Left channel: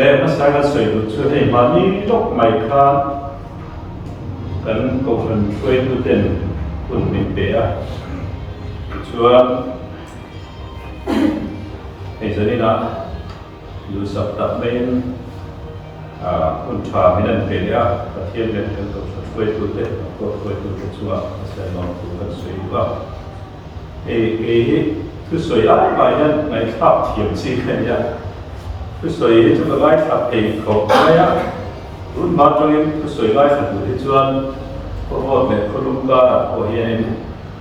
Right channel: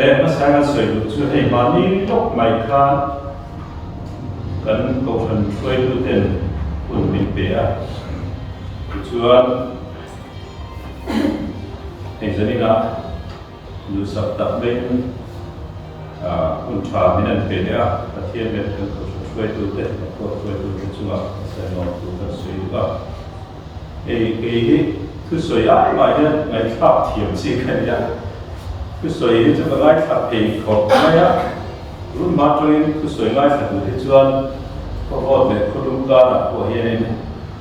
lên nó sang cái sợi đủ chưa hay mà ní tóc mày khan cần cầu phần quay tu tiền quần mình bé chưa hay giờ đi nào đủ sập tập bên quân trà bên anh bé đấy thiên lên cần cầu phần quay tu tiền quay tu tiền chúa sẽ nói tu cần suy đúng cái thứ suy ai mà này tháp thiểm gì cái gì thứ suy hết cho cái tháp thì không phải lúc mà trong thứ suy ngay phải đủ để chuan có một mẹ có đúng cả của hiện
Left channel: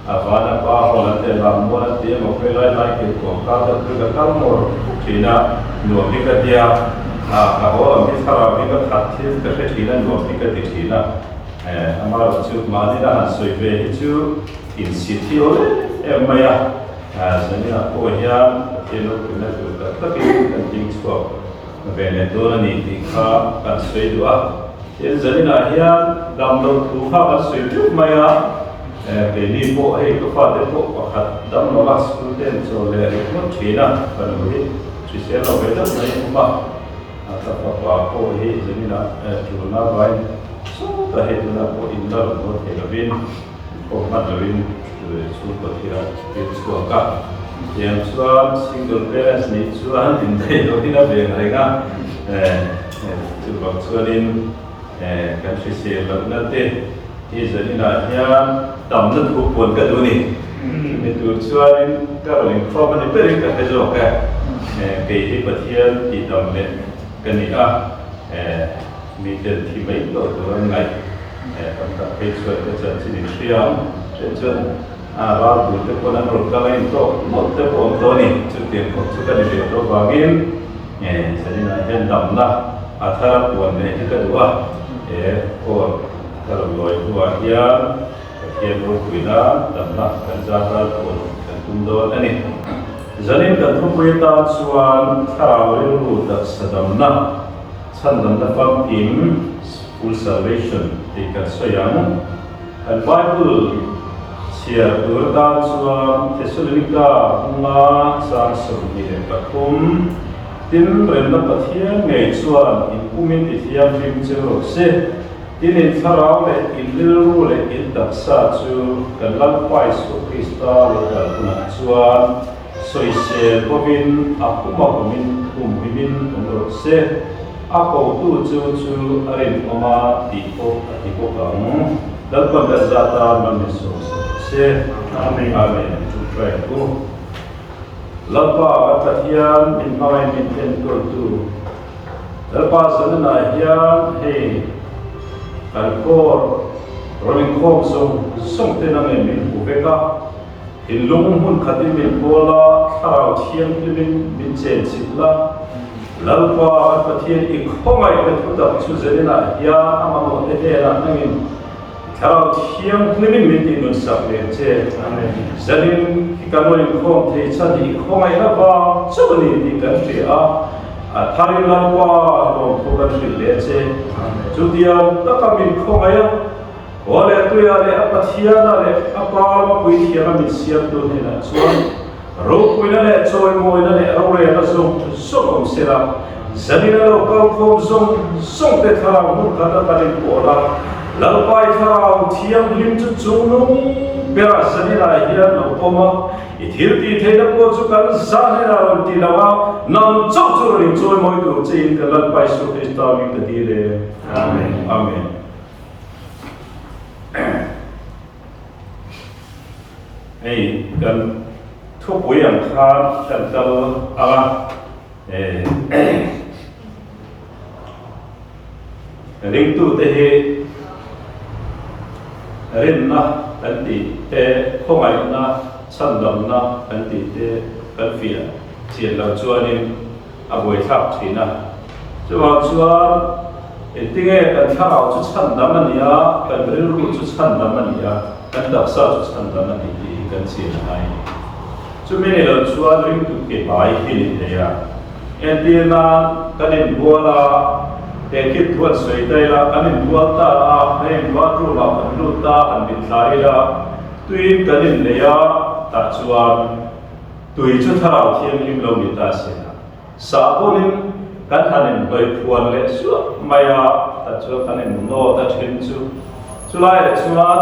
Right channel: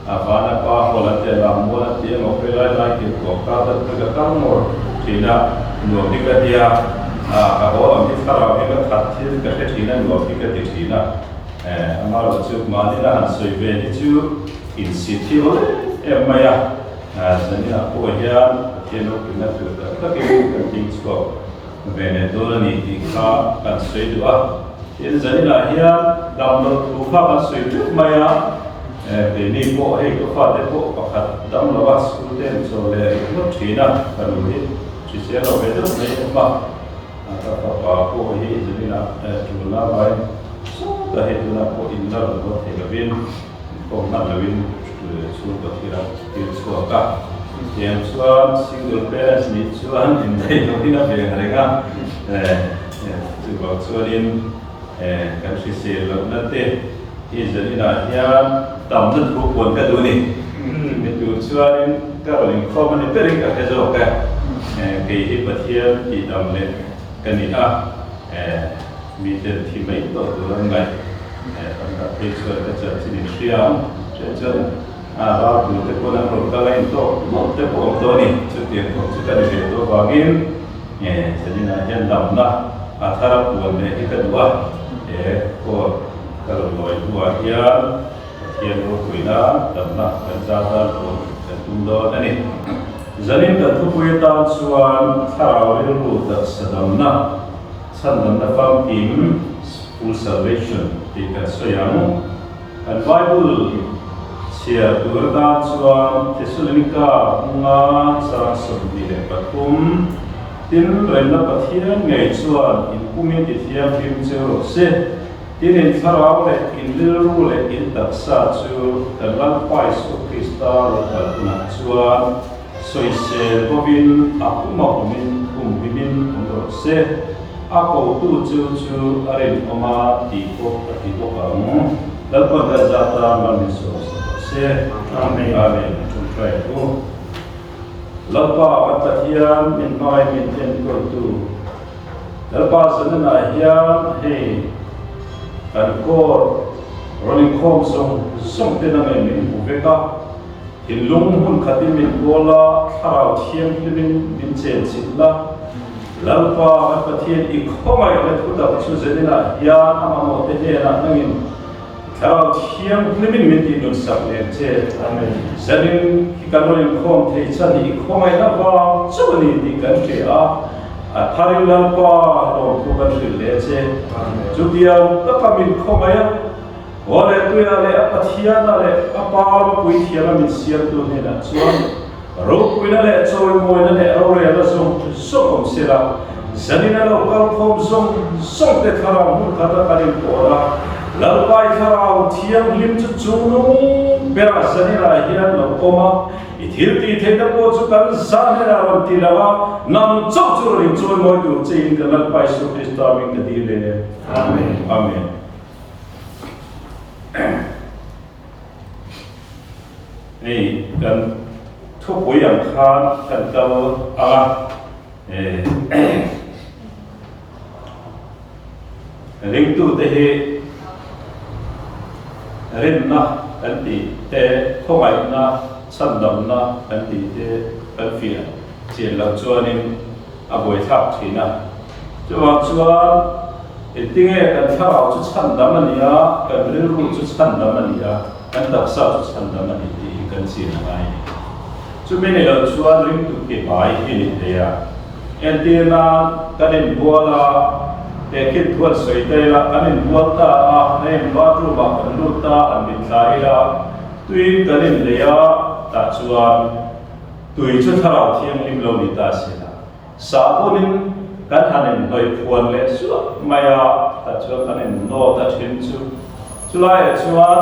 và đã qua họ là tiền làm mua là tiền một cái loại kiểu của các đất với các một thì là nhuộm đi cái dia họ làm cái sao làm cái thật thì cái thì là nhuộm đi cái thì là mà rồi trước mà đi là hành suy về chứ in city rồi em mày giờ này là cô hiện tiền nó cũng là từ tất cả cái tình số về này đó là thì khá cần suy đua hiện giờ này là hiện đầm lột thu khá cần suy chút mày về đi bộ hay có phát đến bộ hoặc đầm lột bắt suy đến rồi lại mất trí nào và nó hết chỉ sẽ là về đó này không mà các bà cô ấy giờ này là chủ nào vậy số ta hết là cô im là một thể là viên cô mắt là viên số có thể là tiền số cả yang suam single parents ni suan in dai lo ina be ngarenga chu ba chuanin kan si se lo na te hi zani na ya tam na thu pon ka du ni me tu chuanin caroling form ni perin ka hezo ka ke hi pathian ti tam le kani mi ten thi mai to tu ngai tam ta pe chuan ka chan sin siam chen ra tu te pon an ro ka lai to mo te pon to ni chu tiền ko chu ka ni be to ba gin sani na hen dam na athara pon le ka duwa or ka ro loi duwa ya thian ro kuina dam na kan za ta ko kan tum don ani zanin kan thu pui ta chuan thara ri ru ta sadam na chan dam na pam kim full salvation ti kan soyang kan bible chia urda chuan Thessalonica nga sa somni le pathum tin ren la pathian ngei chuan in pumin ti thiam phim chero se tin in tharau le in liru le in taksa chu kan lam pai su Krista le kalpuna chuan soise bobin apuma komin umhimin umro se ako tu chu arin oma ti ko kam dalpa ga zata mamiso se amen amen chung trai ko lapa pathian in mai min ten ko tu lapa zanna hian he kan kor rolling khom song te na min uveka hilung hun khatim min bola tharau thiam klimin min chen chitla lalpa pathian ik khomai ka thuta chu zanna hian amamo te he na nangin Karau thiang klimin min ti nun sak le che amen zanin ki kanoin khom thei chan ni khomai na ba chubani ti kan che a tharin lalpa lo ko kan thil le che judiam takamin khomai ole tuya le apathiana le apal pui thiana min siam tu ne na chuan ro puina le choi moina le ro re na som sera zanina lo kal khom som te thara mun khata panin pola lalpai tharau thiam lim chu chunu bera zanina hiran no oma ithil ti theina ko chu kan zanina ron ti lawa nam chau chu rin choi moi tu chin ka lalpai su Krista mi ka di le amen amen ei kan thu pui yang kha kan tau ring tu te he rin na kan ti te khomai na chandam na kan ti te kan fia chian lo chuanin aboi thap thina chuan tinge kan tharau chu chandam ania kan rilru chu chandam ania kan daksa chu chandam ani ti kan chian ai ni chu meni lo chuan ring tu ke bai ki ni theya entina kanin buala te kit thuan soi tai la kanin bualta a nei bathroom a kan luta an bin thlai la tuin kanin leya ta chuan tui chu tharau thiam lim lo ni ta sena sabonin kan hanin noi puan le su maya ta chu kanin no ta thin chu lai chuan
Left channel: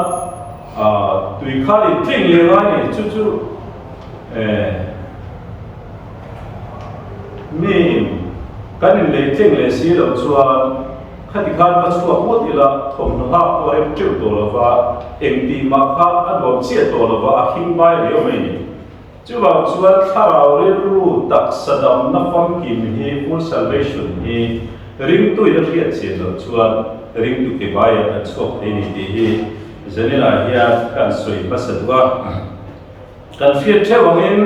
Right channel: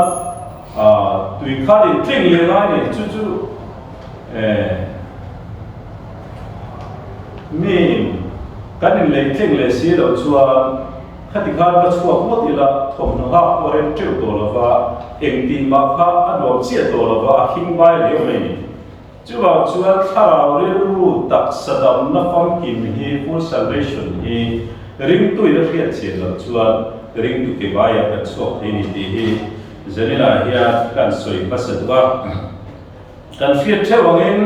tui khanin tling le lai ni chu mi kanin le tling le si lo chuan khati khan pa chuak mot ila thom no ha ko rem teu to lova eng ti ma kha an bom chia to lova a khing bai leo mai ni chu wa chuan tharau ri ru tak sadam na fam kim hi full salvation hi ring tu ila riat che lo chuan ring tu ke bai a chuak he ni ti hi zanila hiya kan soi pasadwa kan fiat thewangin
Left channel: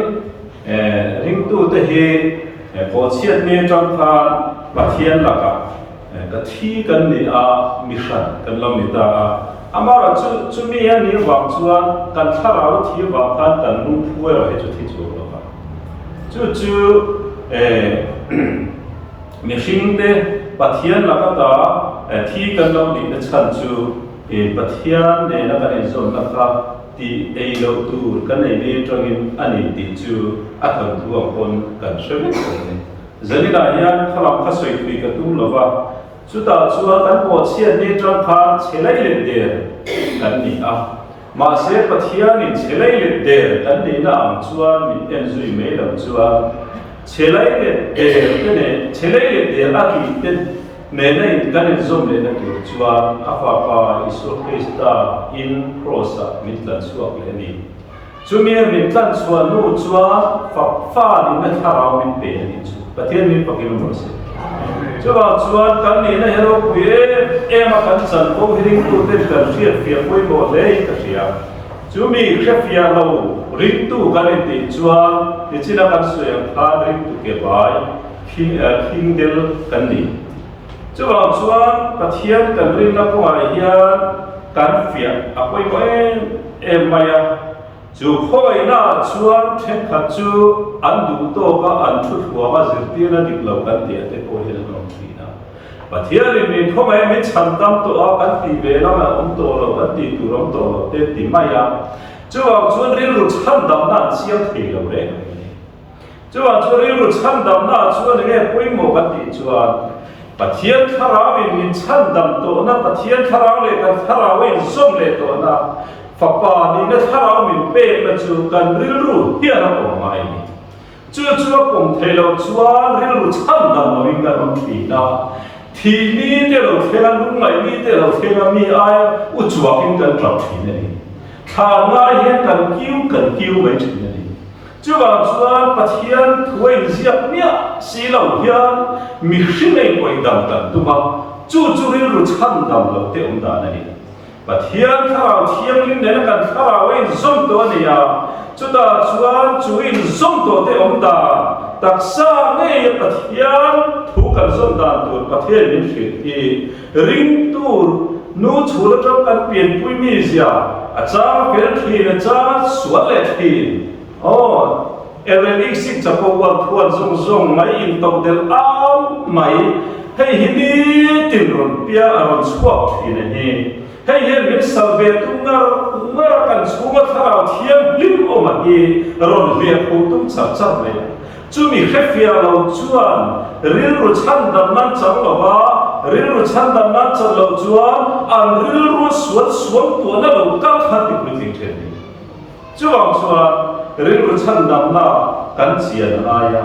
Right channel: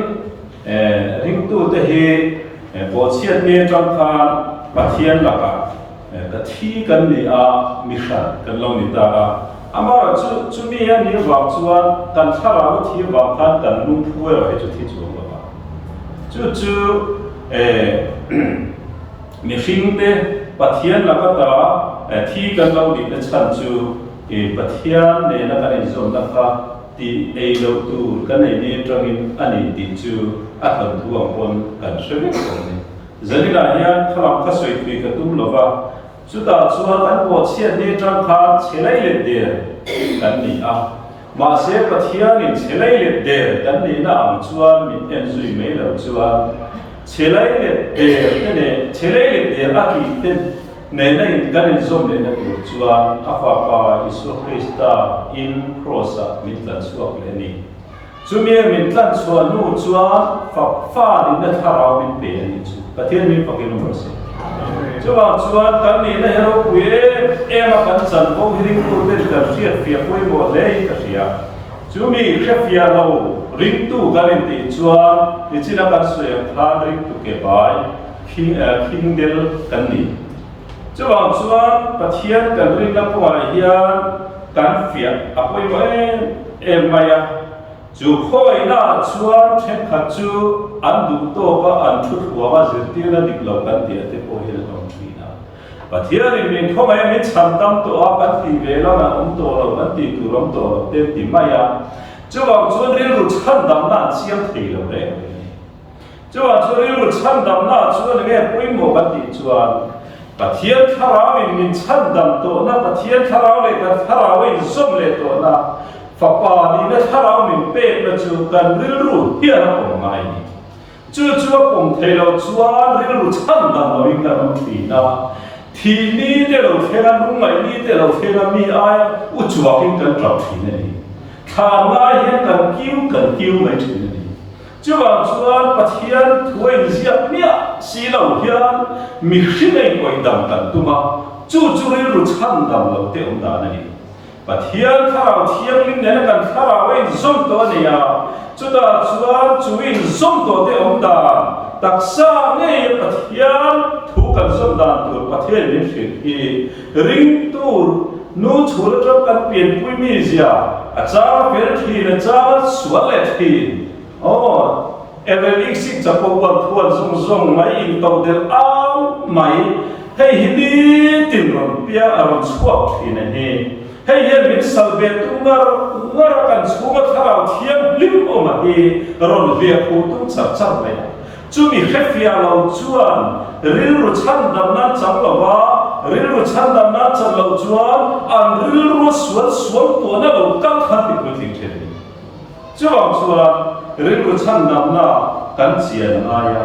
ring tu te hi bo chiat me tang khan pathian laka ka thi kan ni a mission kan lam ni ta a amara chu mi ya ni wang chuan kan thara wa thi wang khan kan lung phu ro he chu thi chu lo ba chu mission te pathian laka ta thi kan lo ni na chan chu pathian ne na kan zom na kha ti ei lo tu kan nei ni tangin ani ti chu a thang thu ang pon kan shwe ni zanina hian khalam kha soi pi ka tum lova chuta chuan kan po chian ne tang khan chelai le de kan ni a ma se pathian in chelai le de kan ni na ang chuan min en zui me lo chuan chelai le de ne chelai le de a ki ten ne nei kan in zom le na tu chuan a fa pa isu krista in crossa mitlan chuak le ni chumi mitlan chuan nu chuan fa ni na tharau min pe ni chu pathian min pakin mo se chuwa chuan kan ni na hero kuye ema kan chan ko hiring tu te dar riat fia poi mo le ka sia chumi khafia lo ring tu kan ti chuan ti china kan suang kha ring tu ke bai king del kan ni chuwa chuan pathian kan ring na ko hian kan fia apoi mo maya chu khoi na chuan then khat chu an du to ka an thut huwa ma zirti na dik lo kan ti ate ko hi na nom thi na pathiari mi thomai mi chan tam to a kan ti ve la ma to lo kan ti tu rom to lo te ti ma ya chuwa chuan ril ru chan dam na chiam thei lo re chuwa chuan ril ru chan dam na chuan nge poi mo kan ti chuan pathian tharawin min chan dam to na pathian tharaw le kan tharawin zom le to na Papa ni na tharau min pe na chu kan ril ru hian a pom ngai ni chu pom thelo chuan ril ru chan dam no in kan om thi na thi ni te lo thela lu ngai ni te lo thela mi ai u chuak in kan trap thi ni tha ngai hian kan kiu mai thi ni chu wa chuan pathian thuai ziak nia si lo hian mi hringai koi dam kan tuma chu ril ru chan dam lo te om da na ni pathian tharau thiam lim ne na kan tharau in zom to ania chuta chuan chuin zom to te om da taksa nge pathian thu kan zom dan tur pathian min hrit hi ring tur nu chula tram kan pian pui mi zia a cha per thi na cha sual le thi evelik si chapo wan thuan zong mai in to del am mai hei hi ni tin ron pia aron chuak thi na he hei hian min salve tu ngar kan chunga tharau thiam lim o ma hi ron lia khu tum char mai chu mi khafia lo chuan ril ru chan dam nan chang lo wa ril ru chan dam nan chang lo chuan an ril ru suan to na lo kal khat ti pui thing then ni chuang chuan ril ru chan dam na kan chian na ya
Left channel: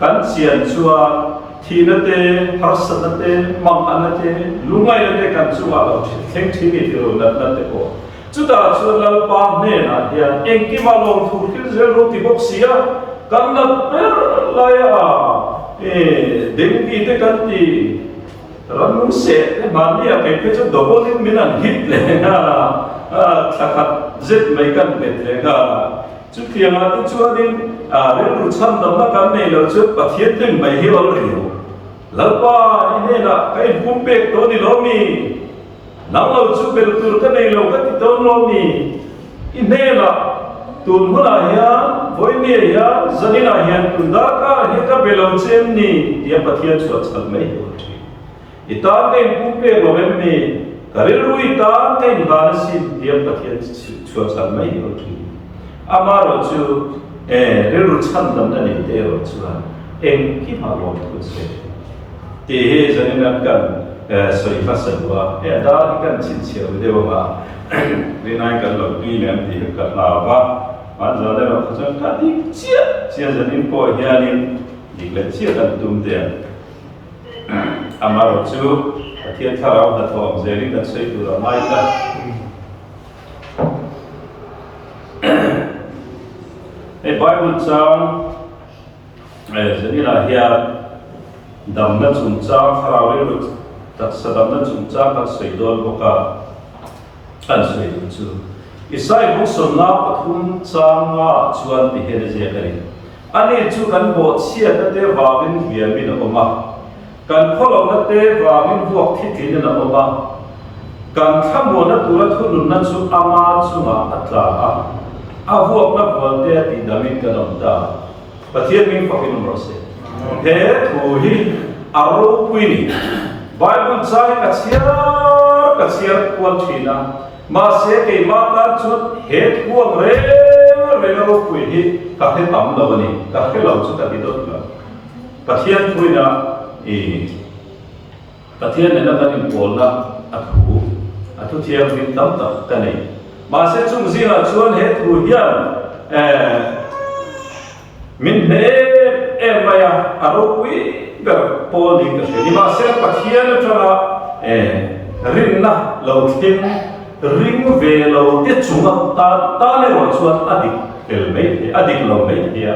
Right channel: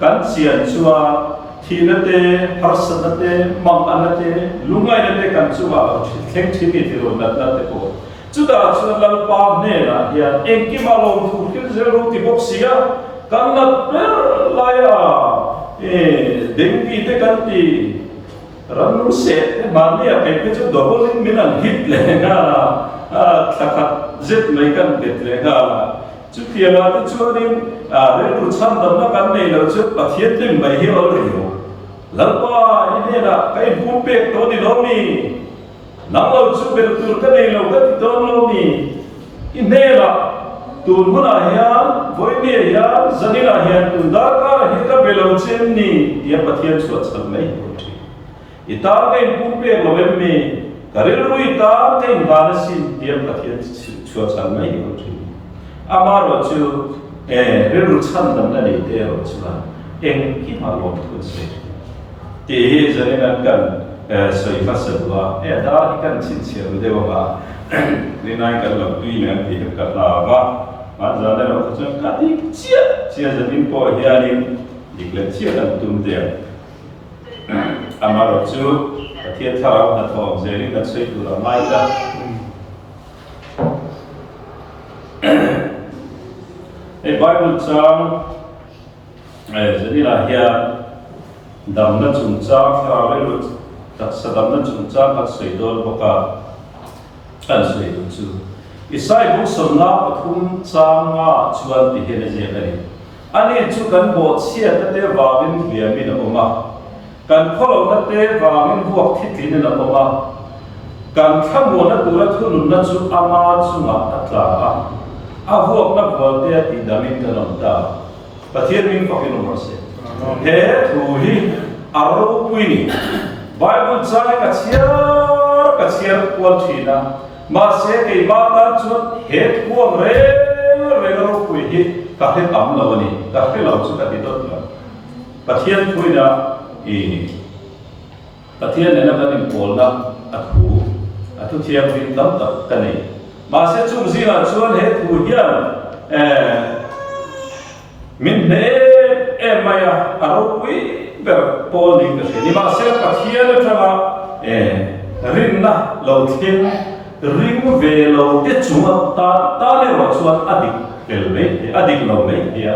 kan chian chuan Thinate, Harsanate, Manganate, Lumainate, Kansua, Thinking it will not go. Chuda, Lalpa, Nena, here, Enkimalon, to Hilzero, Tiboxia, cannot Laya, Dengi, the Kanti, Ranu said, Mania, Pepito, double in Milan, Hitler, Zit, Megan, Betlegala. Chu thianga te chuanin ril ru chan dam na kan nei lo chu pathian tem mai hi ol riu lalpa ine na kai pum pek to ni lo mi nang lo chu bel tur ka nei lo ka ti ton lo mi ine na tun huna hian voi ni hian zanina hian tun da ka hi ka belo chem ni dia pathian chu chal mai hi ol thi ita kai pum pek lo em mi karil ru ita kai na sin dia pathian chu chal mai hi ol thi amaro chu ril ru chan dam na ni te ro chuan eng ki ma lo tu se he zanina kan soi fasalwa da kan chin chia dewa vinai kan lo tui mem ti ka la ma zane ro khachang ka dik chia zanin po hianin dikle chia kan tum de amaro chu pathian tharau ha thom zeri kan sei tu ra mai ta Bible chang zanina hian dam na chung chang tharau le tak sadam na chung chang ka sei dol boka kan sei chu Isai buk somna pathum changa chuan ti hele je kari ani chu kan bo chia ta te wawin hliamin oma kan kholo na te wawin huak thitlin na oma kan thamo na tura thunun na chu ama chunga atla a huak na valte ti damin kanom ta pathian ming pakin umro se he thu hi aro puini Bible chai ka chiar kwal thina ma se ke ma ta chut het huam re ro pui hi ka he tam lo ni ka he lo chu ka ti dot lo pathian pui na pathian ne na kan in pol na athu thiam vin tam tak ka nei ma se chung zinga chuan he thu hian min ne maya aro pui ber pol ni ka ni ma se pathian thana rin na lo thin ring về lâu tiết chúng ta lên rồi chuột adik lâu mấy kia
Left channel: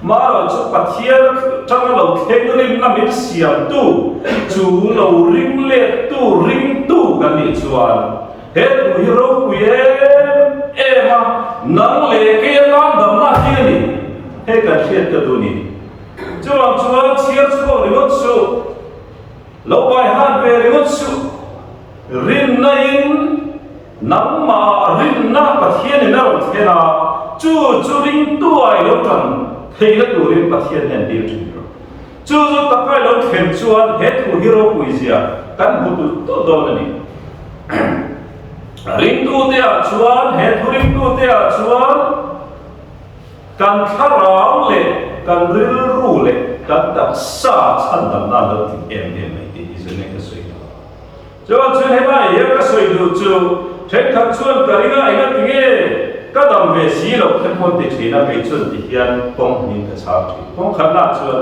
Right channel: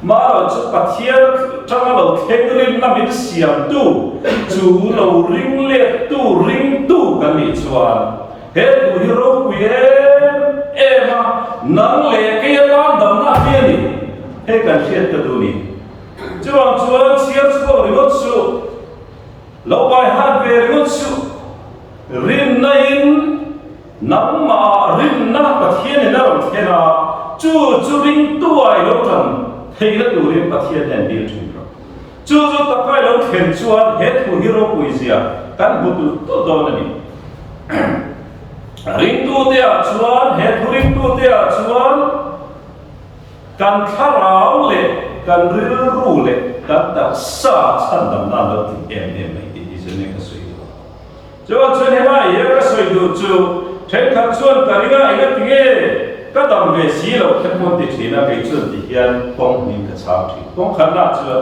mà rồi chú bắt thiên trong lâu khen ring là mình xiêm tu chú lâu ring lệ tu ring tu cái gì chuột hết tu hero quyền em mà nắng lệ cái tan đầm na thiên đi hết cái chuyện cái tu đi chú ông chuột xiêm chuột đi mất chú lâu bài hát về đi mất chú ring này nắm mà rin na pathian na ron thena chu ring tu ai lo tran thei la tu rin pathian nen dir chu ta kai lo khen chuan he thu hero puizia kan bu tu don ni ring tu te a chuan he thu ring tu te a chuan kan tharau le kan ril ru le kan ta sa chan dam na lo ti em mai ti zene ka soi do chuan he ma ye ka soi do chu Thek thak chuan kariga enga tinge kadam ve si lo khen kon ti thina kai chuan ti hian pong nin ka chak thi pong khanna chuan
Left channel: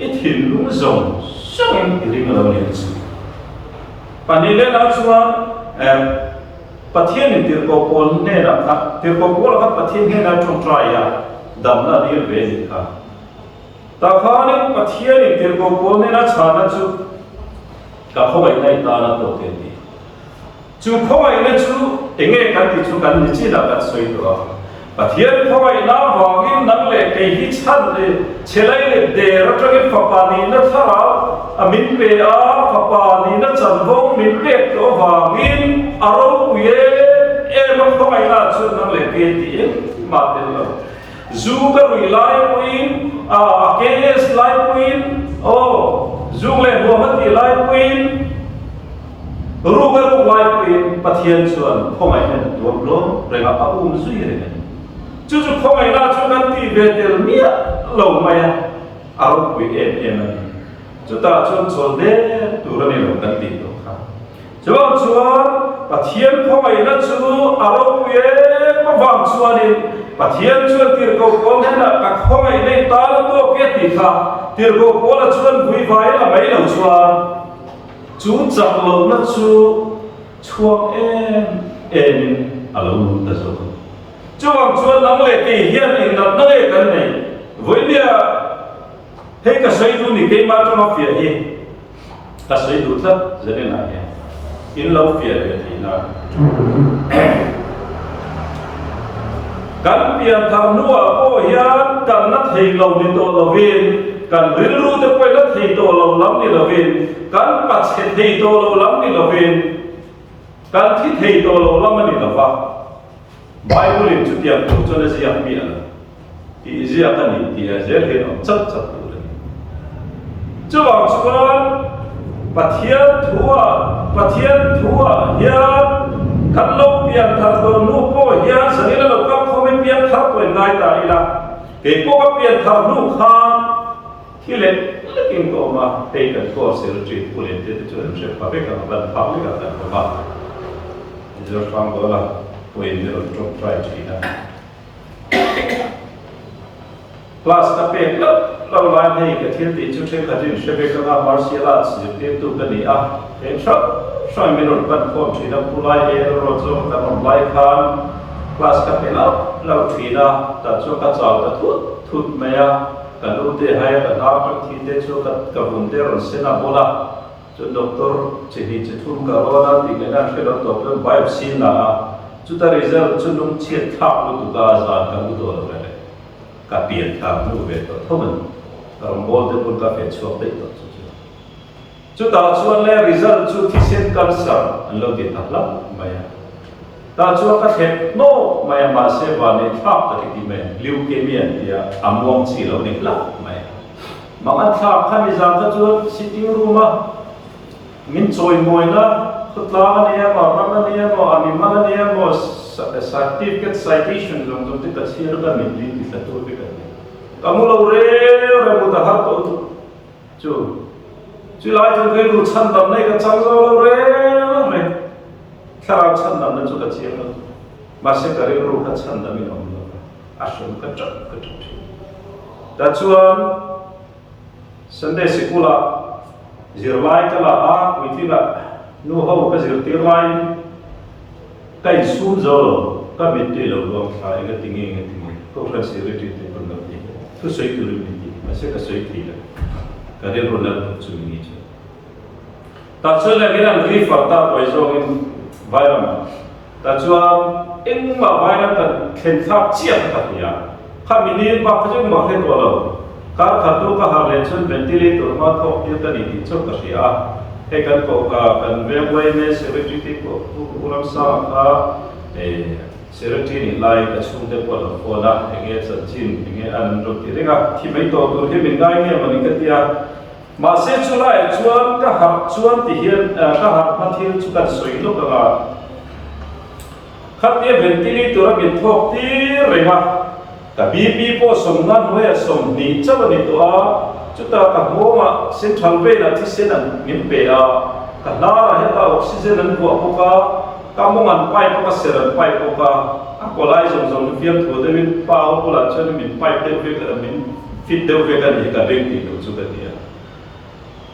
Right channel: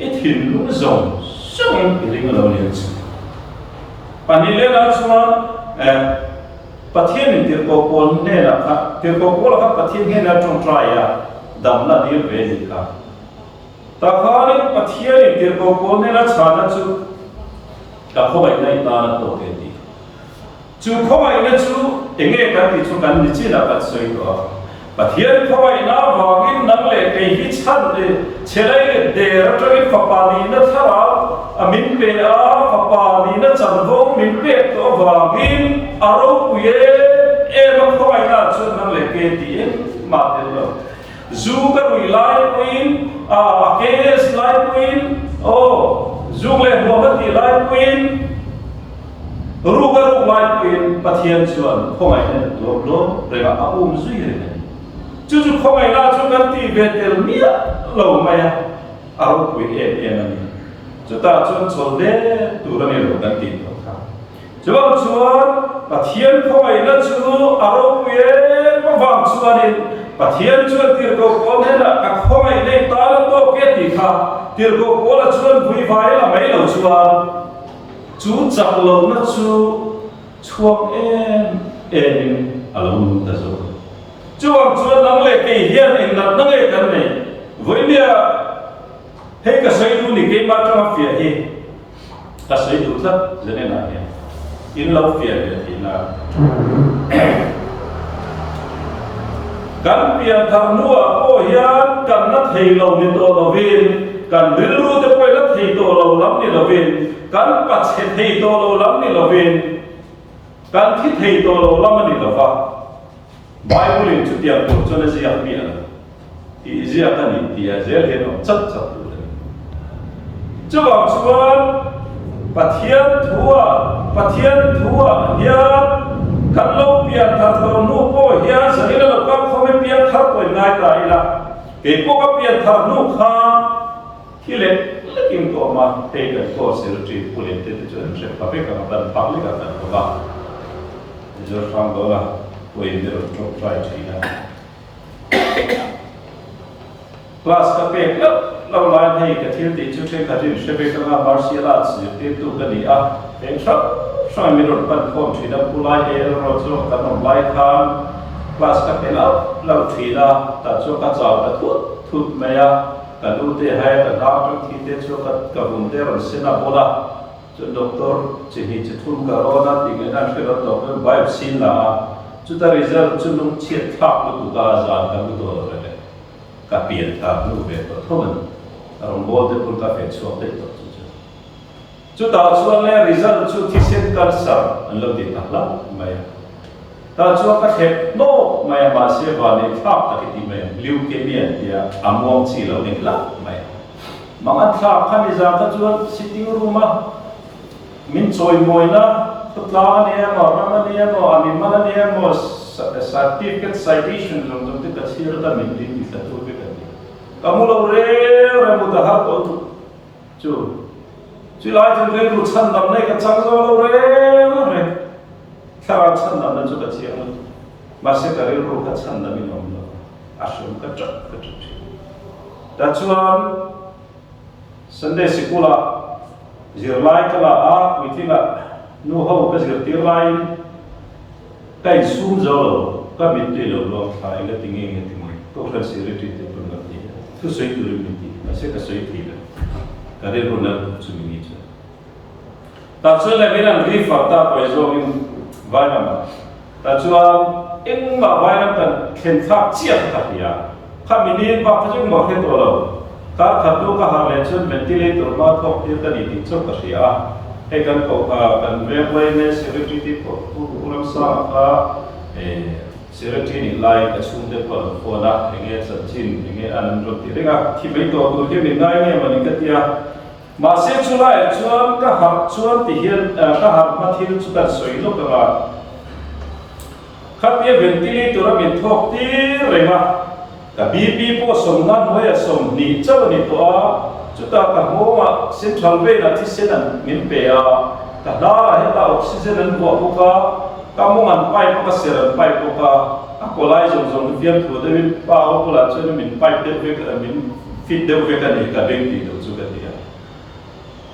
I thin lu zong song em ring lo ni chu panile na chuan pathian ni tir ko pon ne na kha tir ko pol kha pathian ne na trong trai ya dam na dir ve ni kha ta kha ni pathian ni tir ko pol ne na chana chu ka khowai nai ta na to ke ti chú không ai nên chú nghe cái gì chú cần chỉ là cái suy đó và thiên không ai nào vào cái năng lệ cái hít chân để chế lại để ra cho cái pháp ni nó thà mình về pháp ni nó chân vong mình về đó vào cái aro quê em không ai nào chú năng lệ cái gì mà đến đâu dù cái người lại queen cái lại queen dù lại mua mất thì lại queen Rugaru lai pin pathian chuan khomai na tuam lo renga zui re ni chu khomai na chu kan ti vetel mia lo maya aro pui em ani chu ta chuan chol de turani lo kan ti to kha chuan pathian khomai na chu aro pui pa wang chuan in pathian chuan tir ko kon he na ka khomai nei ta to ke ti kha tir ko la chuan vui vai la mai lo chuan chú chặt lâu nó chú chuông em alo ta zo chú ang chuan nang le ke hian in nat na le kan nei với lia he ka sei du ni ke ma trong phía hi ka sei du thắt zene na he in lâu phía le thi na kan pian tham nuwa po hian kan na thei lo ni to lo vin kan rilru te koi la thei to lo lam ni lo vin kan pat che thei to lo lam ni lo vin kan thi thei to lo lam ni lo va Bible in chu tiam to chu na sia mi ala ti zia ka ni ti a zel he no chat chat tu ni chu wang chuan pathian thua hian kan lo pian thar to nu po hian sanila lo kam khome pian thar to ngai ta ila ke po ka pian thar nu kha ที่เล็กกินก็มาเตะกันก็เสียชีวิตผู้เล่นที่จะเชื่อฟังกันบันพักเลยกันก็ว่าจะฟังตัวละผู้เล่นที่เราต้องใช้ชีวิตคลาสกับเอกแล้วเราไล่ให้กับที่ติดชุดเช็คขัดจินเชฟเอกกับมาร์เซียลาสอยู่ที่ตู้กันนี่เองชอบช่วยมีรถปั่นคนชีดผู้ไล่รถโซ่กับไล่คานคลาสกับเอกแล้วเราชีดแต่ช่วงกระจายแต่ทุบไม่กันรู้ที่ให้กันนักจนที่เด็กช่วงกับบุญเดรันเซนาโบลาจนด็อกเตอร์จะทุนกับโรนัลติเกนันคือด็อกเตอร์ไบฟ์ซิลล่าจุดที่ริซัลจุดลงเชียร์ทับลูกกาซานกับลูกตัวเลยกับเปลี่ยนทับลูกเวททั้งมันรองบอลเดบุลกับเฟชช่วงเด็กตัวจุดต่อส่วนเลยริซัลจุดที่เซนกันสามอันเราติดตัดละไม่แต่ช่วงก็เห็นโน้ไม่มาเสียวันนี้ทับตะกี้ที่ไม่ลิวเคมีที่อามวงสีเราเนี่ยละไม่บางอันทับข้ามีจานก็ช่วง sitting room มามินช่วยมวยนะขุดลาเนี่ยมั้งรำเนี่ยมั้งอามิมันเนี่ยมั้ง certificate citation ตรงที่กัดเสียร์กันมินลีที่สัตว์ไปกันเนี่ยก็มุลเร่มุดหาตัวจู่ไล่จนเรื่องรู้ชันดำในกับจังโซลเร่ถ้าเราชันดำนั้นจุดเชียงนั้นมาเสกเรื่องรู้ขัดชันดำมินอมโลอาชมกระจกทีแต่ชวนสันเดสิกุลาจิรไลก็ละวิธีละนู่เขาก็จิรตีไลใกล้ซูมโซโลก็มิดที่เราลองใช้ก็ติงเองก็ทรานซิริตี้ที่เป็นแบบนี้ทุกสิ่งที่เรามิดที่มาเสกสิ่งที่ละก็เรียกว่านักจุมินิจ้ะแต่ชวนเลยมีนั่นรีฟัตตาไปโซอินไวรัมแต่ชวนอินมาไวรัมกันเข็นทับเชียบทับยาข้ามินิว่าพระเจ้ามาเห็นตัวเราการขัดตัวก็หาเรื่องชนเป็นที่ลีตัวมาทบเดียวกันอีกที่ชกกันเสียให้กันก็กันเวงไว้ในเสรีที่ก็ผู้นำสร้างเสรีนี่ไล่กับชุมเทพก็โอนะอย่างเงี้ยสัจจินอย่างเงี้ยอันนั้นรถที่เรียกที่ไม่ตัวตัวที่เป็นง่ายเงี้ยมันนี่ก็ที่มาเสียชุไล่ชวนก็หักชวนที่เห็นก็หักมาที่ชุกันสวยลูกกันขัดเดียเป็นที่ลีตัวเราเป็นทบที่เรียกกับบีบีพอสมงานไว้สมนิจวันนี้ตัวจุดตากับโมมาเส้นทางเวนัที่เส้นนั้นมินเปียกับนาราเฮต้าออกซิเจนนั้นบวกพวกกับโมมันไปพวกเสร็จไปพวกก็ไล่ส่งเพียงถูเดวินป้าเขาพลัดจนมินไปเดวิกันมินฟิตเดวิกันนี่กับเด็กที่ตัวจุกันนี่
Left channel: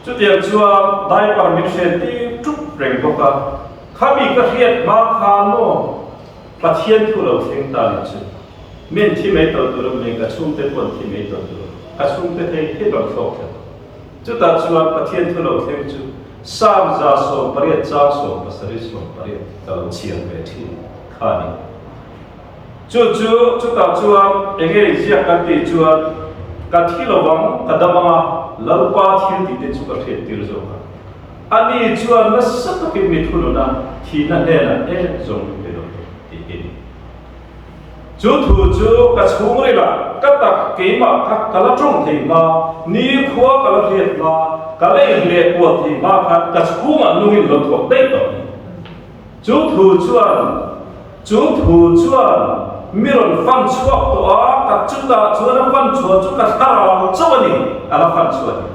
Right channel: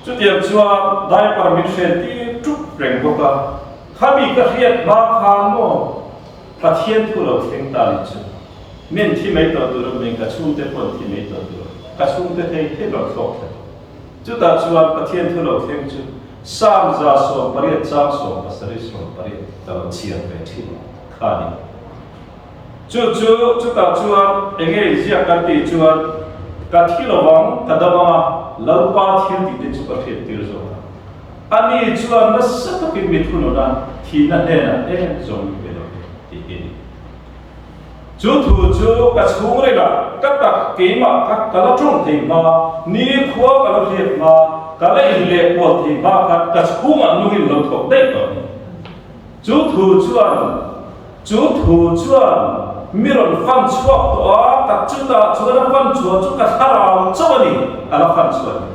จุดเดียวชัวได้ปรมิตรเซนที่จุดเร่งพวกข้ามีกระเทียมมาคานโมประเทียนทุเราเพ่งตาลิจุเมื่อที่ไม่ตัวตัวเองก็ชุ่มเต็มคนที่ไม่ตัวตัวก็ชุ่มเต็มให้เราฟอกกันจุดตัดชวนประเทศที่เราเห็นจุดสามจาสมปริยัติจามสมปัสริสมปริยัติตลอดเชียงไปที่ขานีจุดตัดชวนเองเสียกันที่ชวนกันที่เราบังกันดำมาลาวปาที่ที่เด็กจุดประเทศที่เราจบอันนี้ชวนนั่นสักที่มิถุนนะที่นั่นเนี่ยจงเป็นเราที่นี่จุดจู่กัดหุ่งเลยล่ะกัดตักเกี่ยมากัดละจงที่มานี่ขวากัดละเรียดมากัดละอิเล็กวัวที่มากัดหุ่งมันนุ่งอินหลุดกับได้ต่อจุดจู่มีรถฟันชัวตัวกัดจุดตาชัวนั้นฟันชัวจุดกัดฮาราชัวนี่อะไรฟันชัวนี่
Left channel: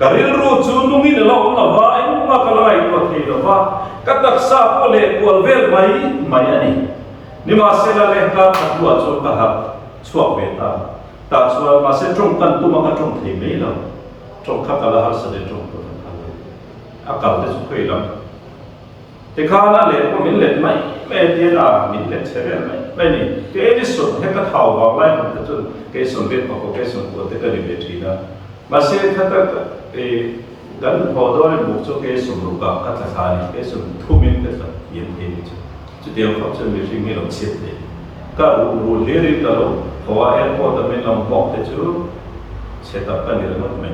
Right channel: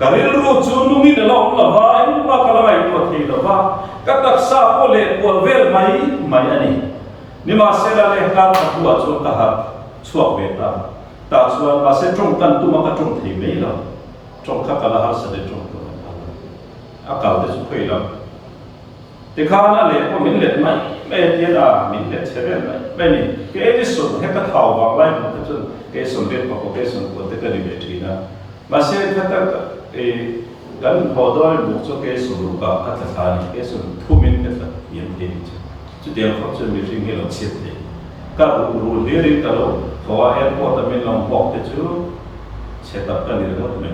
กัดเรื่องรู้จุดนุ่งอินเราละว่าอินมากัดละไม่ตัวที่ละว่ากัดตักซาโพเล็กวัวเวลไม่อันนี้นี่มาเสละเลยการขัดตัวจนกระหับช่วงเวลาแต่ส่วนมาเสตรงกันตัวมันก็ตรงที่ไม่เราตรงข้ากระหับเสด็จตรงกันนะครับอากาศจะสุขเลยเราแต่ข้านั่นเลยว่ามินเล็ดไม่เดียนมินเล็ดเฉลี่ยไม่นี่เกจิสุดให้กระเท่าวางไล่มันจะจนเกจิสุดเรียนบอกเกจิสุดปวดแต่ก็ดีเวทีนะมาเสขัดกันพอได้บุกโจเกจิสุดรูปกับกัตถานี่เกจิสุดทุ่มินก็จะเยี่ยมเองจ้ะจุดเดียวเขาจะมีสิ่งที่เราเชื่อได้ก็รู้เรื่องก็เราเพราะว่าแอร์พอร์ตมันลองบอกแต่จุดเช็ดตับกันนี่เราไม่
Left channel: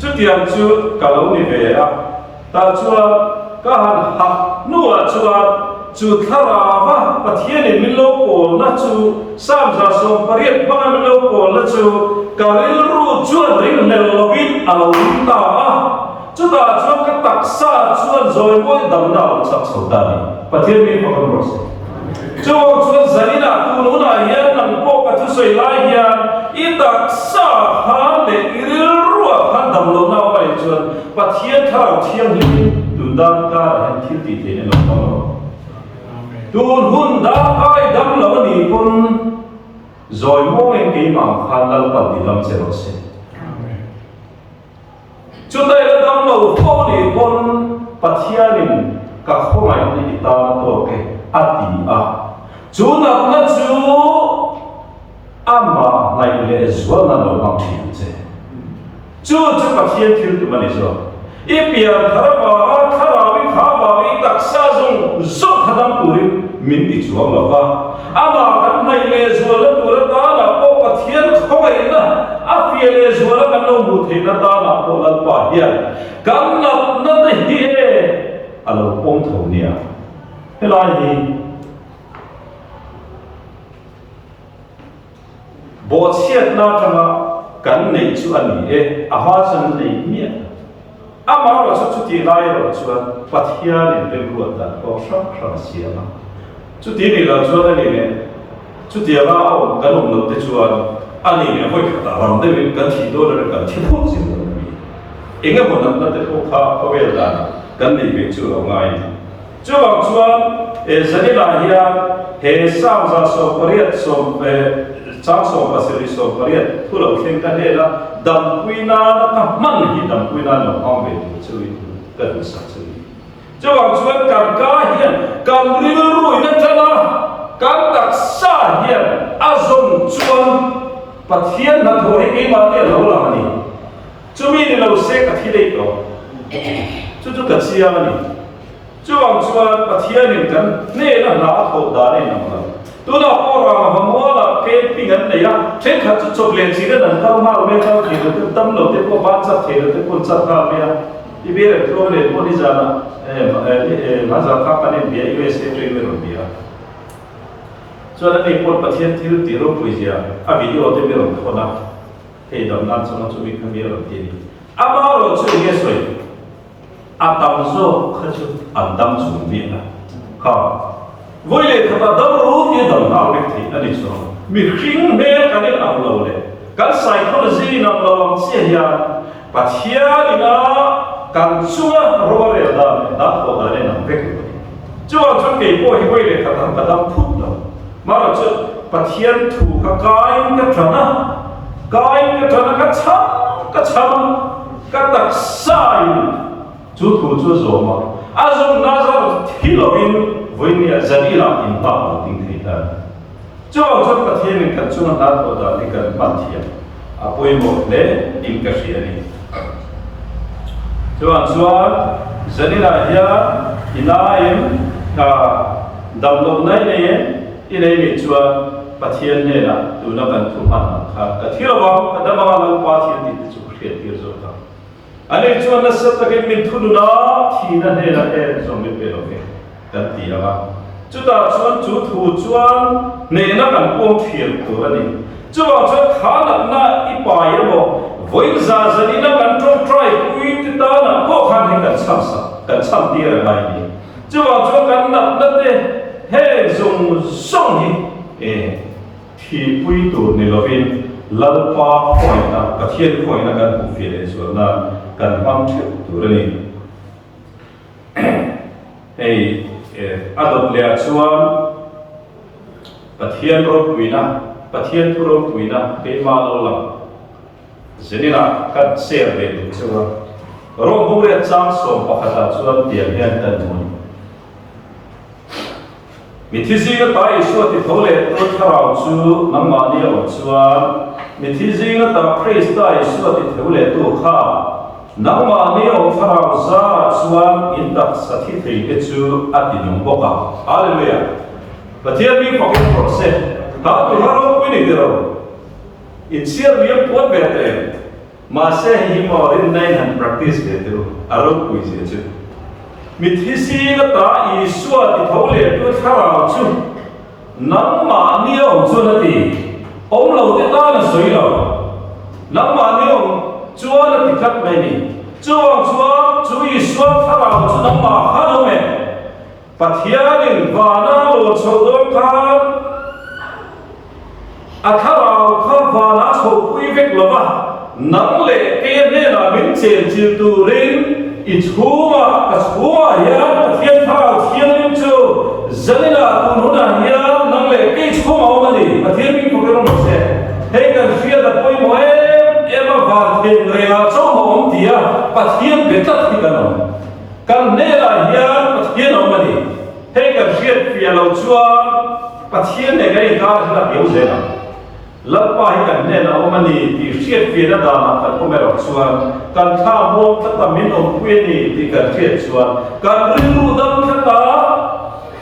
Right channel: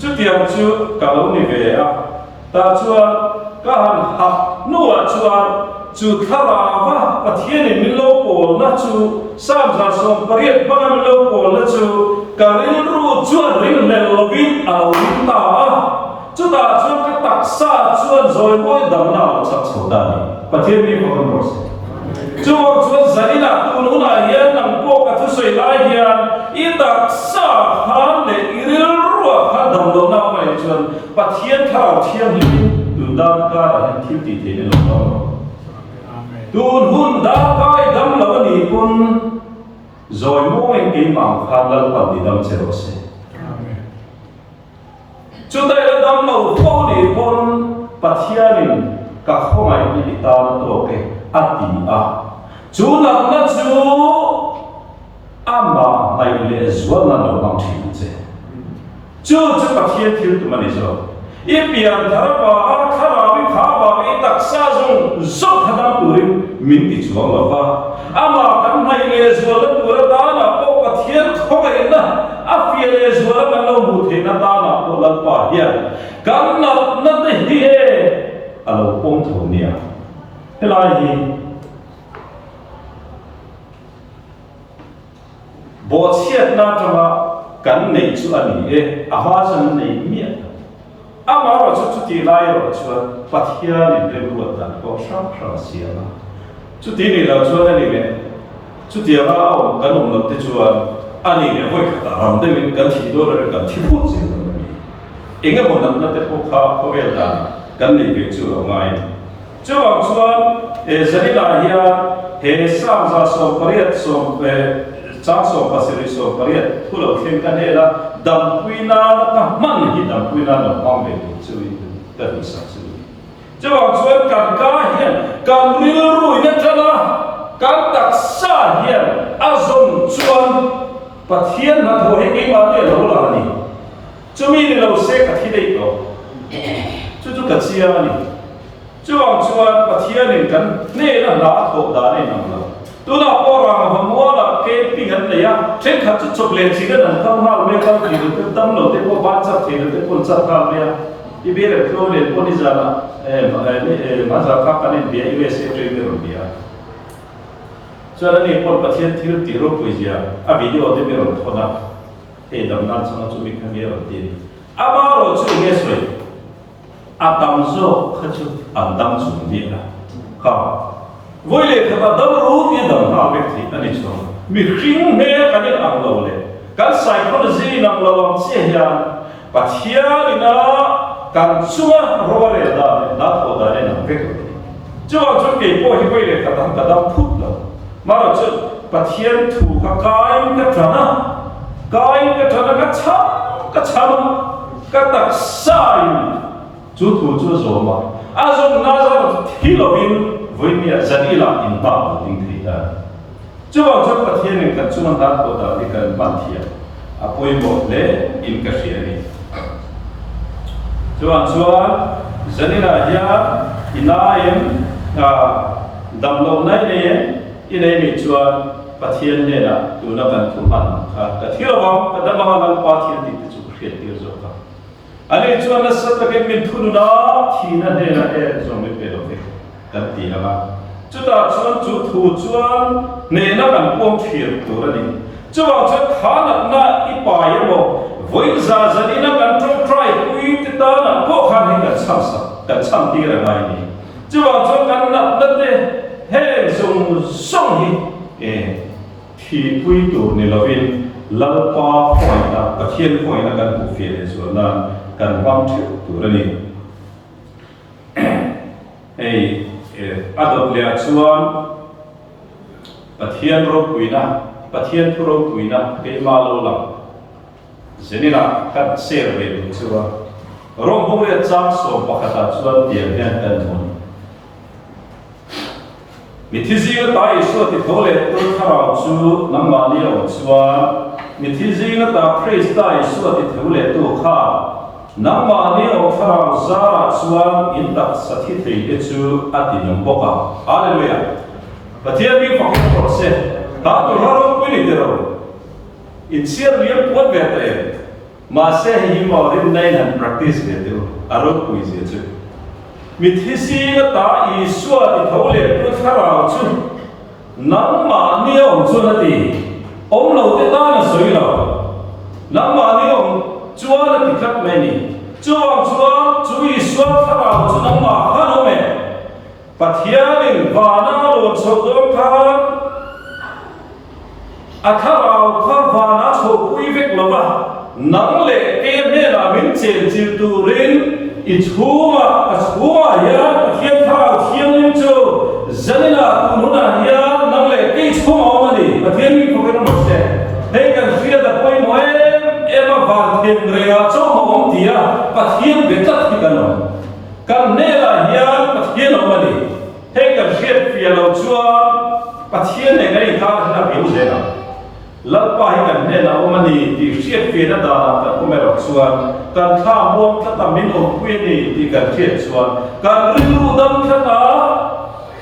จุดเดียวจุดก็เรานี่เวลาแต่จุดก็หักนัวจุดทาราบะปะเทียนมิลโลโกนะจุดสามจาสมปริยัติบ้ามิลโลโกนะจุดก็เรื่องรู้จุดเรื่องเมลวินเอาลิ้นตาจุดก็ตักซาจุดโจยมวยดำน้ำสับสนได้ประเทศนี้ก็มันรอดจุดจะนี่นะตัวนู้นเฮียนนั่งพกกับทุกสิ่งหลายอย่างอีตักซาฮันเดอีเรื่องรัว lo na ma chuan pathian tharau thiang li tu dan ka han thil ti the ne lo na tun hun da pai dam lo ni kun rồi mong em cái mảng phan lal pan đi đâm xe rồi xe, chúng ta là đâm đầu phô đi con bắt hiền các không ai đi ta nó cái ati à, chú nằm nó chú ama này lệ zuan nó đâu mang thiên thế, chú bắt hiền thiếu tụi mình rồi, ít biển thara vào thara vi khá vào vi đặc sa dùng dốc thằng turin mình đi chuang là va. Ama kan nai le zuala tura ta na po pathian khoi na afia le zuala kan lo mu the na ta na po lan pa hian kan nat na te hi he alo pong tho nia helai ni bo chiat na tama kan nei chu ani e a ha chan nei mi ama ro chu ti lai ro chuan pathian in le ruat ta ko shang siama chú tí này là chú anh này nè chú tí là ông cái ông lập thế chú anh này nè voi cả làm đấy mình cái thị đô là cái thị phúc gì đó mình anh em muốn làm thế phúc khá có vẻ là cái này về chú là ngay chú bảo chú anh giờ này là hiện hệ sam ra sông Paris sông trang sông Paris sông Paris thu lộc thêm cái này là đầm quy na nó cam mặn thì đầm quy na nó không về được chú cái đồ sản xuất chú bảo chú anh cần cá hiện cần rìu rùi nên thế nào cần đặc sa hiện azom chú anh bắt hiện là thôi cái mà tiền lâu là gì chú mình thì lâu sẽ cả thi đấy đó chú cả chia này chú bảo chú anh bắt hiện nên cần nè là lá thổ đá này nằm là tôi nào có ra mà mua là cái pin anh này á trên khát chút chụp lên chỉ cái này không nào biết không thì được tâm đầu tiên có bán sắp thì được quân sắp nào biết đi biết được thôi để quân đi ra là mà giờ các bạn nên biết USA chơi với rồi biết cho nên này quân bắt hiện thiếu tiền rồi bây giờ video thì biết rồi thôi na thì đầm nan xong nó chuẩn bị cái gì rồi tiền mà rồi chú nghe rồi tâm số khát chú tâm chuẩn bị là không với lại các bạn đâuรู้ที่ดำน้ำไปที่นั่นเองมีสิ่งเมื่อกันนี่นำเราเลยการ psychology นำเราเสียปัจจัยนี่นะการช่วยเราเรียนได้นัดพอได้นำไปกันช่วยช่วยเกี่ยวกับvới lại các bạnพูดเรามาเราช่วยปัจจัยถูกกายกับฐานะกายกับฐานะกับช้ำกับตักสายจุดถูกจุดโจมาอาจจะน่าจะที่เราวินvới nhà dân đi làm in bạc ở tỉnh thị là chú bảo chú phát hiện mình cần chú anh đã thọ đã đi cần ban thiệt à bồi một lẽ in cái gì này chú bảo chú dân đi là ya ina em đầm lâu nay này này chú phát hiện này là tụi nó cần thu hoạch cái thiếu bao cái đâm vào lòng phát hiện thì chú phát hiện điều gì đó anh ấy chú anh sẽ cái mình thu nó thì nó này là trong mình về rồiกันตีละจุดตาชวนจุดถูชวนเนนักกันพวงเทียนตัวนี้จุดว่าชวนขาหนักหน้าอีป่ายบอกวิ่งซาจะนี่นักกันตรงไตรคุยติดตาหนักพวกขันให้กันช้ำสักกันช้ำตีอะไรนี่จุดว่าชวนกันหนักนั่นเองเฮ้ยส่งส่งที่คุยตัวนี่เราเป็นลัลปาหอยนะกระเทียนหอยนะกันผู้เฟียร์ส่วนนั้นกันความเทียนตัวนี้เฮ้ยอาดเลียชวนปะเทียนรบปุยนะปะเทียนทุรบปุยนะเกมาโลลังเจนี่ละกัดเสียเบลุชวนรบบุเรจังสมปะขัดชวนเตียงเฮียนกันทุนมิทิจิงตาอิสวติโตเลตุทาราวชูนังมาเลียวชวนมิทิจิงตาคริสตาอิสวติโตเลตุข้านักมาเนี่ยองค์พระราชาส่วนอินทักสถิตที่จูอตินุบกะอาเลลูยาประเทศมีฟังก์โปรเซสถ้าตัวเราไม่ได้เดียวอินเชียร์เลี้ยงปวดเบตเองมาเสหิมอรินในหัน practice เดียวอารมณ์คุยเสียจูมิทิสีก็ตาอิสวาติทาวเลตัวพระราชานักมาเนี่ยองค์ส่วนที่องค์เราได้ตั้งนั้นสวยแล้วนักมาเนี่ยองค์chúa là cái cách này nè chúa ý xuân thà nào chúa nắm mà hát không mẹ bắt hiền nên và na lột sầu đôi khăn thà nào khăn và na sầu quý việc lắm à nang le ke ne na min chen chil tu rin I chua hian pathian thao thiam lim chu zanina kun huna hian nang le ke chua mani pathian mi ko ron se he kan fia da poi mo ema van theng renga chu mo tia pathian be chat ki kan ne la hian pathian mani he kan fia lo chuan pathian ne ngai ka na biu ze na lalpa hi kan ne na omani ti hriat fi na da kan omero chuan kan tha muam ta min om pui ni ti kan hriat chuan kan ru dam tha ta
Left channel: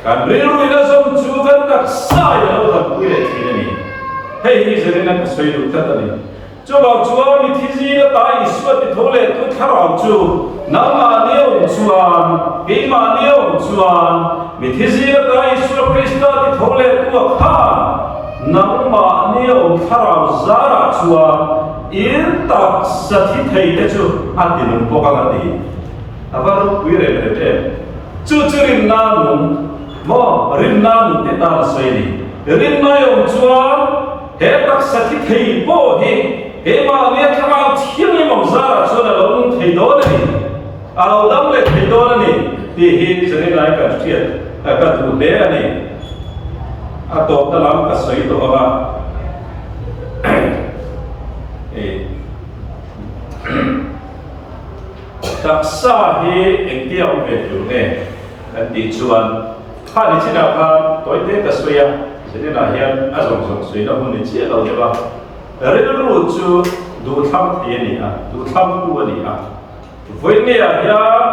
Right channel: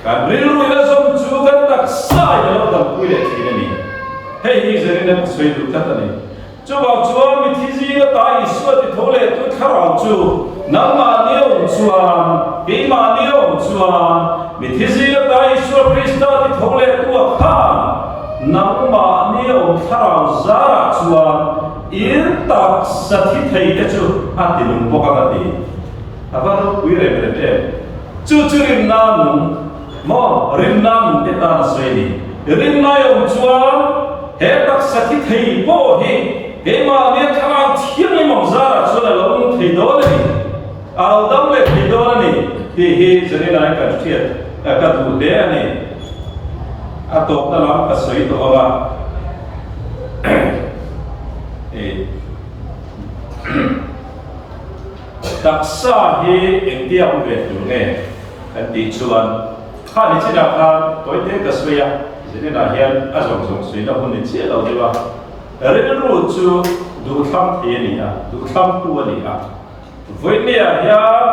kan ru ina som chu kan tak sai na lo dam pui le thi ni hei hi zeng na ka soi du ta ni chu ba chuan mi thi ji na ta I suat ti thole tu tharau chu nang ma ne om chuan ke ma ne om chuan mi thi ji na ta I suat Krista ti thole tu khan nang ma ne om tharau zara chuan il tak sathi thei te chu atinum poka ka ti avaro pui re re chu rin na nu mo rin na nu te ta soi ni rin na yom chuan he tak sathi thei po hi he ma ne tharau thiam ni mom zara chuan lo thei do ni al dam le thei do ni ti hi zani nai ka thiat ka du le ani atop ta lam ka soi to ama taksa hi engtia ube tu ne kan ti chuan kha ni china kha toy te ka soya zene na hian azong zong soi na hun ni chi lo de ba re ru chu du tham the ni a du tham tu ni a voi ne a hian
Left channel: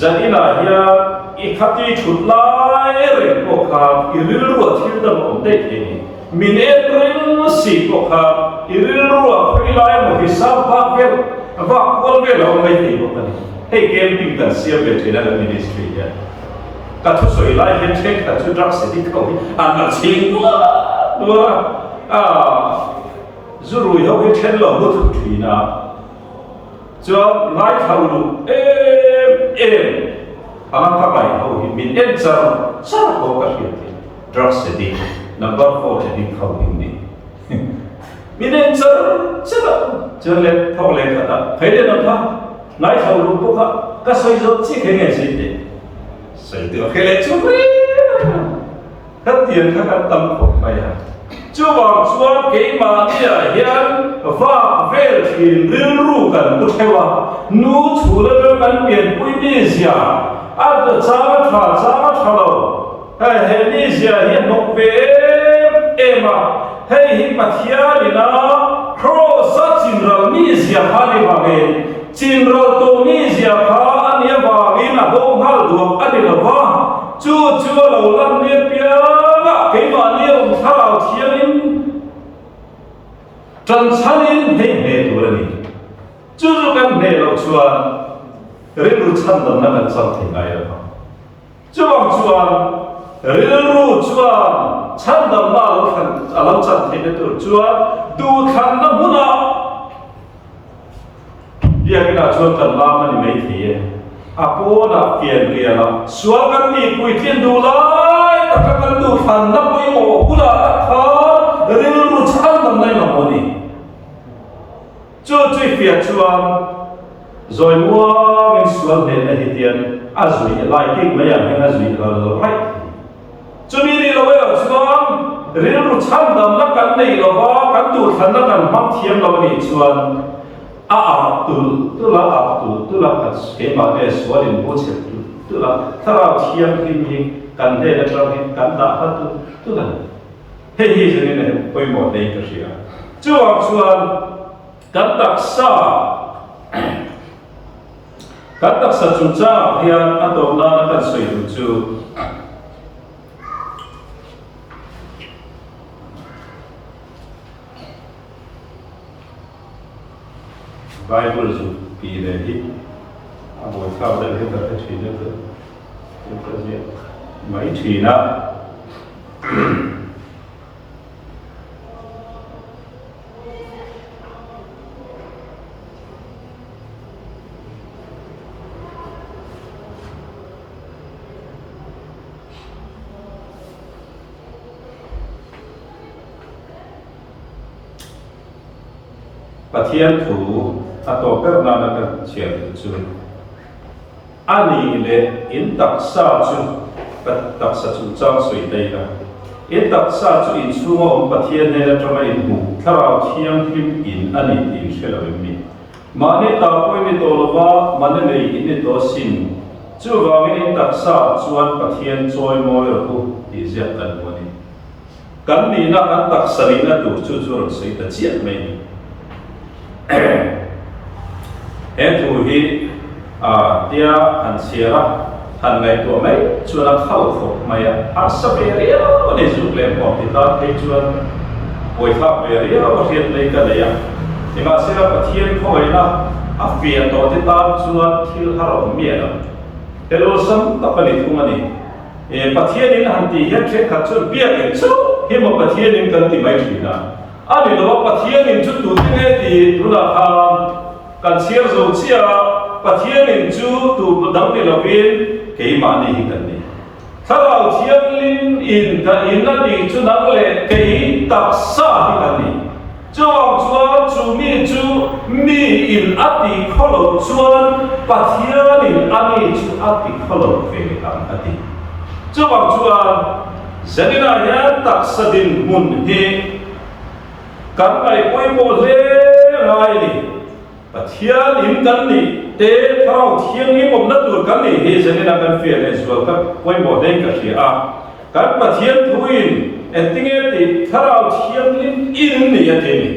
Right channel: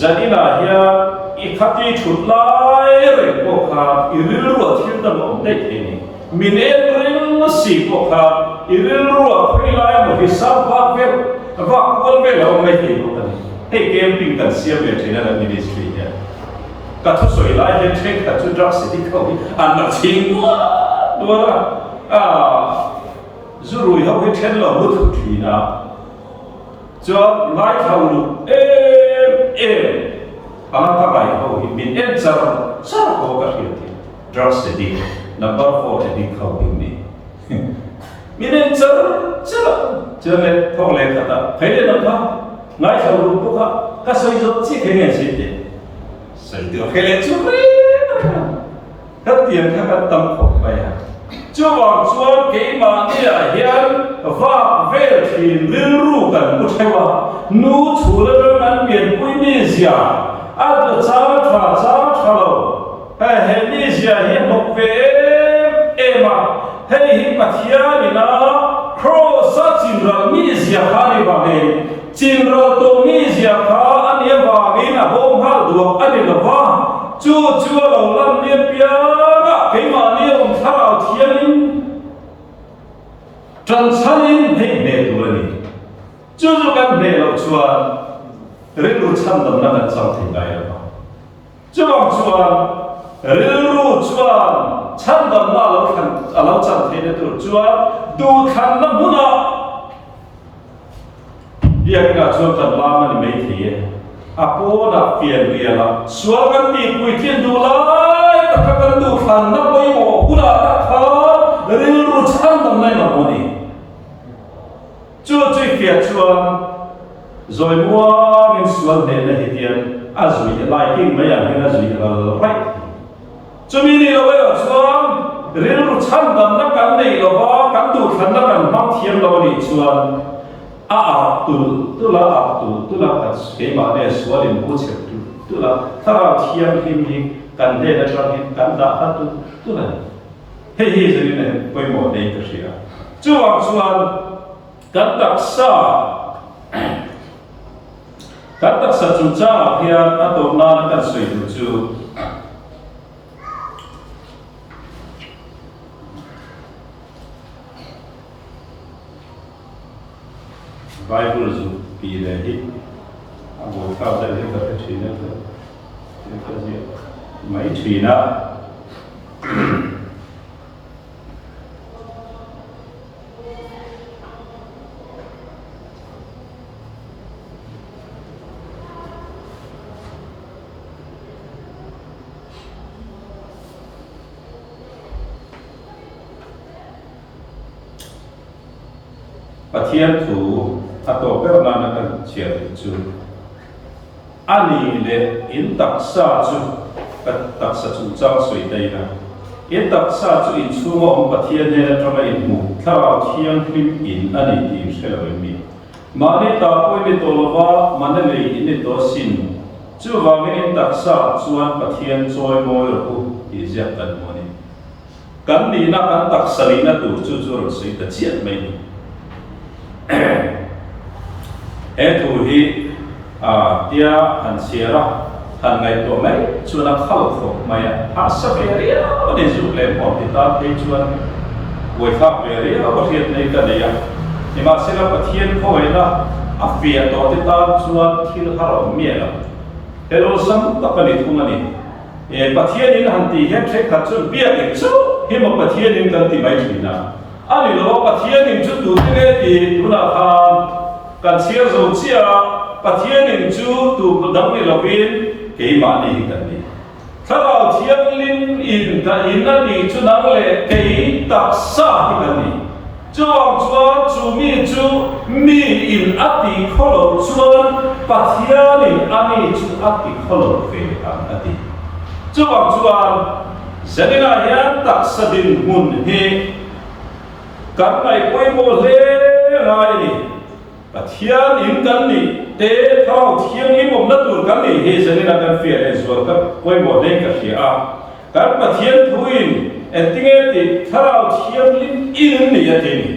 zanina hian I khati thut lai re ko kha I ril ru thil dam om dei the ni minen ring si ko kha I ril ru phei lai ma hi sa ba vel va kol vel om mai the ko ni hey camping kan sia ve thena kan ministry ya ka thu soi lai hen thek ka chu drug city ko an ma ching do ra zuru yo ke then lo mu thu thina cho ngai thau lu alam ka mai ho hi min en sar ko ka hiati drug city number 4 te dik khau ni min en sar chale thok le ta phele na tha ngai thau lu ko ka soi zo chi khe nge si te sai tu khele chu ri ka tian ka ka tam ko mai ha chu wang chuan ke ma ni a hian va vel thin ril ru kan mu thewa nu chu la kan pian pui ni zia ad chama thalo he ni zia hi nok ve ema hei hi pathia dina cross chinral ni zia khani wa ge chinral to ni zia kha ania wa ge na hom hal duak adila wa chu lo lam ni pia ga ke ma ni om tharau thianin tran chanin he ne tu ni chu kan ne lo chuan rilu cham dam na kan cham thei ai lo chuang chuan rilu chuan cham dam na lo khan alo cham thei na tur chuan du khan na huna dia kena chuan kan lam ni mai thei apona pian riala sual kan ti kui thin du lai tak kan du khan na poi mo huna kha rilu cham dam nai na honi chu chui pia chuan rồi mua những suất này là hiện tiền azui lại kinh mấyอย่างnhững azui là right cho nên là bây giờ xuân riêng lúc chăn đầm nó cắn này là có cắn tụt thân nó cắn mắm thiêm là cái xuân tu là tu là cái mà này suất đến bố chép tu là thà là thiêm phim hình cắn đây là trong hình cắn đã hết tu là hết hết cho nên là bây giờ đây cái gì à cho xuân cắn đặc sa kan tak sa chu cha hian atop na kan soi du chu Bible zu pi le hi amoi khau da le ka thi ne ka zia mai thi na pathian thu ato perna na kan chiam chu ani le in taksa chu taksa chu chang soi dei la in taksa chu in chunga om pathian ne la tama in mu thara thiang hlim in ani tin shela mi mane ta poi ni tolova mane le in to sin chu wa in taksa chuan pathian choi moi ro tu ti zia kan mo ni kan ni na kan taksa ni na tu chu chu ro sei ta chiat mai ni tu hi tia han sira han ngai to mai chuan a khal khop mai a sa be ria ne zu le mo ti ta te chuan oi khap be ria o riat nei ka le ya ima sira pathian khoi na a fian to ti ta chuan thil haro mi la hello sam tapani thungani pathian in han ti he thre kha chu bia ni chu hi mo pathian in kan ti mai thina ani lo pathian in chu tu ti ne ti tuna kham kan siar zo chia pathian in chu tu dang ni lovin ke ma ni hi kan ni tharau thiam lin in ka in na ti chu nang le ke tak sa hi kan ni chuang chuan chu mi in ati kholo chuan pathian in ani chu ati kholo ve kan ati chuang chuan zanina ya tak sadin mun he kan ngai poi mo le ngai ni pathian in kan ni te tharau thiam ni mom na tur kan ni he zanina kan fiel e zual ka poi mo dei ka thia kan pathian thuin entinge ti tharau thiam lim in ni ati ni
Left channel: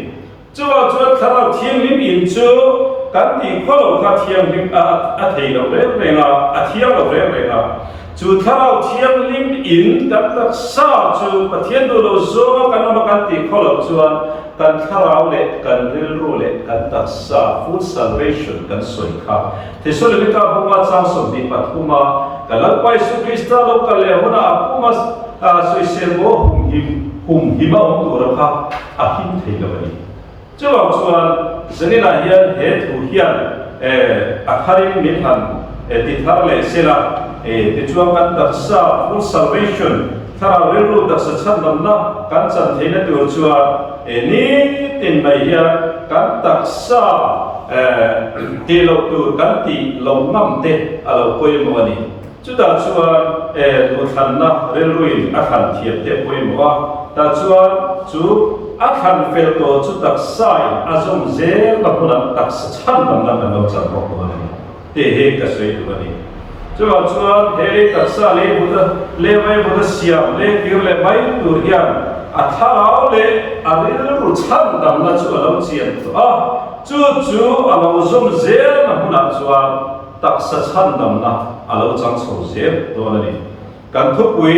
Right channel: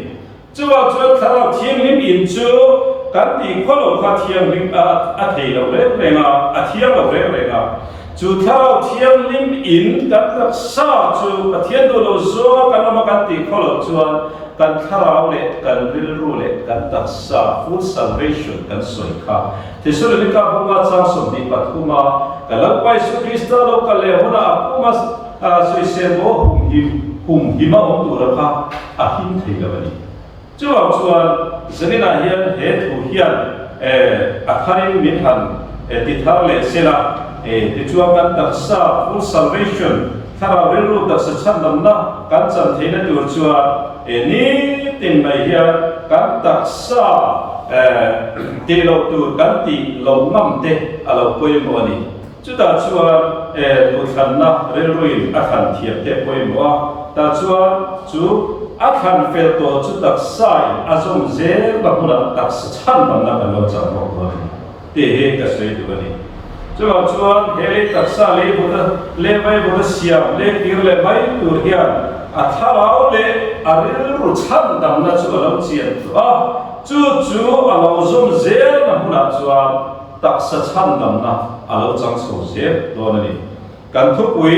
chuwa tharau thiam lim in chu kan ti kholo kha thiam lim a thei lo le nga a thiam lo le nga chu tharau thiam lim in kan tak sa chu pathian do lo zo kan ma kan ti kholo chuan kan tharau le kan ril ru le kan tak sa full salvation kan soi kha ti so le ka huwa chang som di pathuma kalak pai su krista lo ka le hona apuma soi se bo hum hima om tu ra kha a hin thei lo ni chuang chuan zanina hian he thu hian akharim min han ti thar le sela ti chuang kan tak sa full salvation thara relu tak sa chandam na kan chan theina tur chuan ni tin mai hian kan tak sa ti lo tur kan ti lo ngam te alo poi mo ni chuta chuan tu than na relruin a than thiam te poi mo ta chuan chu a than fel to chu tak sai azom ze la huna tak sa chandam na kan lo chan mo ko ni te he ka sei tu ni chuan chuan he tak sa le buda le vai buda siam le kir le mai tur hian a tharau le aril ru chandam na chu alo chian to chu alo zom ze na huna chuan tak sa chandam na alo chang so ze to na ni kan thupui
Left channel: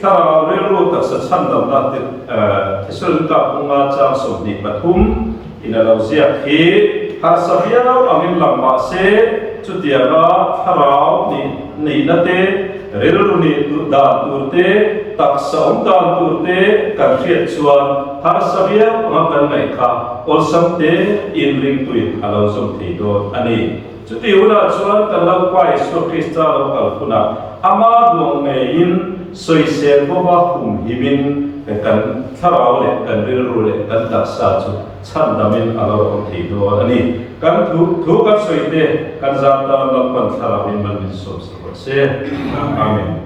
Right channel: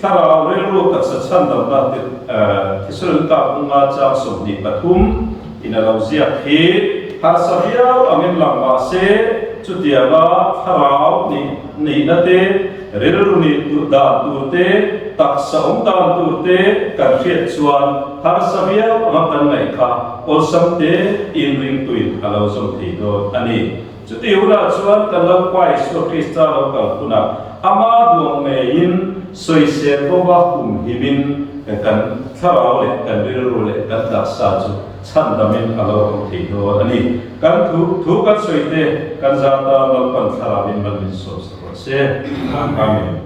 tharau le ru tak sa chandam na thisul ka unga chang som ni pathum ina lo zia hi har savia angin langma se chutianga tharau ni na te relu ni tu da turte taksa om dan turte kan riat chuan har savia anga kan ngai kha ol samte in ring tuin alo som thei do ani chuti una chuan kan lo kwai so krista lo kal kuna ama duang me in soi ser bo ba hum himin kan tharau le kan relu le kan taksa chu chandamin alo om thei do ani kan thu kan soite kan zata malpan tharabin malin so se amen